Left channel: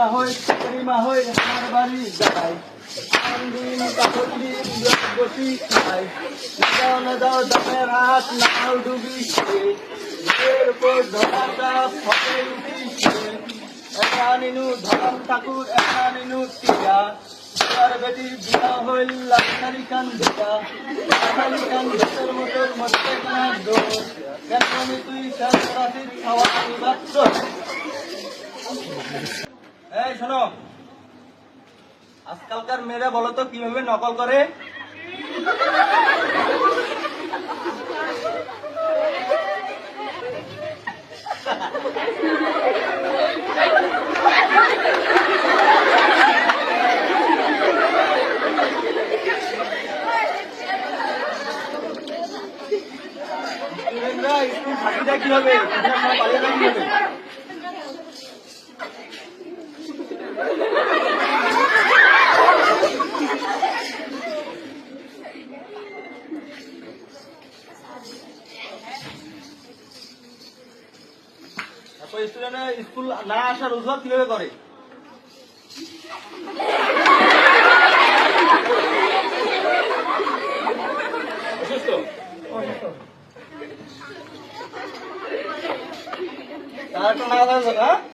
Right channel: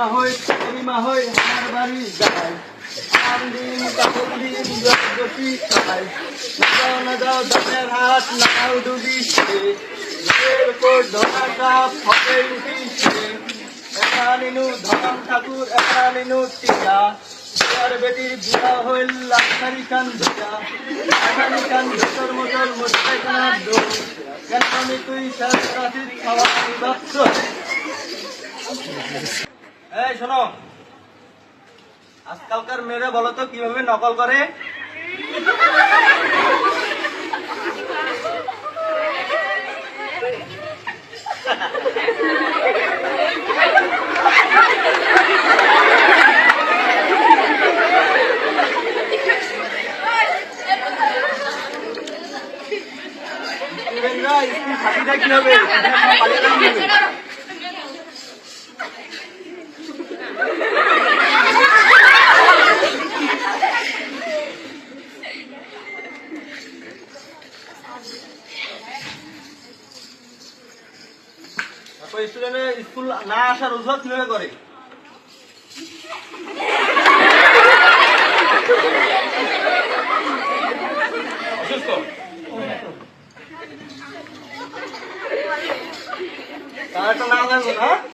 মা হই তুমি মা হই আমার বাড়ি যাই আম দিন তখন দিন বসি খাই। দাও না দাও দামের হাত, নাও ডুবিছে এর উপর ধরা কাপ, ফলে উঠিছে একা মিনু, ধরম ঠাকুর, একা মিনু টিকা আর বেটির বিয়া হইল, লাখানি খান ধোকা লাখানি খান ধোকার মতন মোটর কানার দোষ। কেন তুই সাথে খাওয়া ভাবছ এই শোনো আজকালকার মেয়েরা বলো তো কীভাবে নকল করে ফাঁকি যায় কীভাবে স্কুল না আসার অজুহাত কীভাবে করে? আর একটা না